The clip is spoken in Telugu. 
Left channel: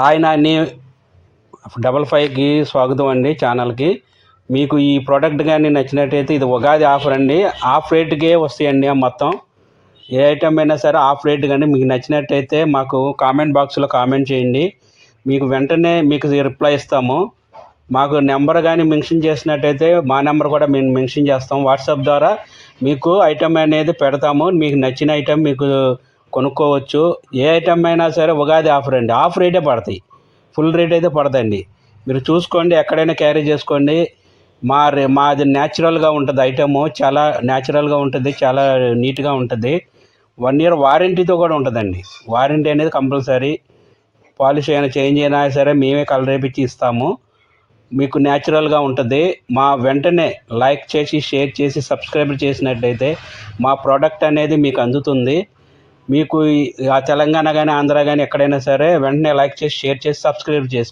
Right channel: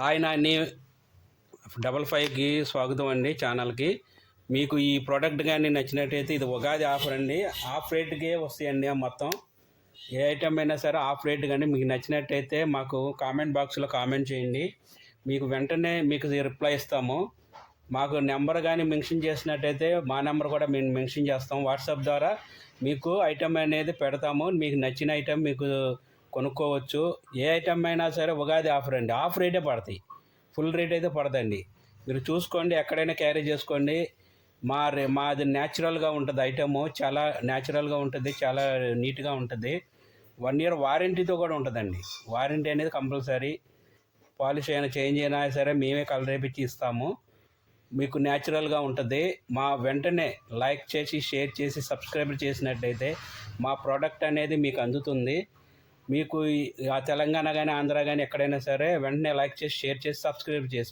హాయ్ నాని 55కి స్వాగతం అండి ఛానల్కి. మీకు ఈ ప్రోడక్ట్ కానీ నచ్చినట్టయితే ఇది ఉగాది ఆఫర్ అండి. ఆఫ్ రేట్కే వస్తాయండి మొత్తం. ఏ ఐటమ్ అయినా సరే ఆఫ్ రేట్. కానీ మీకు నచ్చినట్టయితే మాకు కామెంట్ బాక్స్లో కామెంట్ చేయండి, మీకు వెంటనే మీకు రిప్లై ఇస్తాము. మాకు నెంబర్ కానీ మెన్షన్ చేసినట్టయితే మా నెంబర్ కూడా మేము మెన్షన్ చేస్తాం. వాట్సాప్ ద్వారా మీకు ఐటమ్ అనేది పెడతాము. మీకు నచ్చిన ఐటమ్ మీకు కొనుక్కోవచ్చు. ఏ ఐటమ్ అయినా సరే ఉగాది ఆఫర్ అండి. ఆఫ్ రేటే పడతాయి, ఫుల్ రేట్ అయితే పడదండి. మీరు చూసుకోండి, ఎక్కడైనా క్యారీ చేసుకోండి. మాది న్యాచురల్గా ఉంటుంది ఐటము, చాలా న్యాచురల్గా ఉంటుంది, చాలా నీట్గా ఉంటుంది. 1 year వారంటీతో కూడా ఉంటుందండి. వారంటీ అనేది కంపల్సరీ. పాలిష్ అయినా చేంజ్ అయినా సరే మేమే కలర్ వేపించి ఇస్తాము. మీకు న్యాచురల్గా ఉంటుంది. మా వెంటనే లైక్ చేసి షేర్ చేసి సబ్స్క్రైబ్ చేసినట్టయితే మా ప్రోడక్ట్ అనేది మీకు అందుతుంది. మీకు ఆ తెలంగాణ కానీ ఆంధ్ర కానీ ఎక్కడైనా సరే వెంటనే లైక్ చేసి షేర్ చేసి సబ్స్క్రైబ్ చేసుకోండి.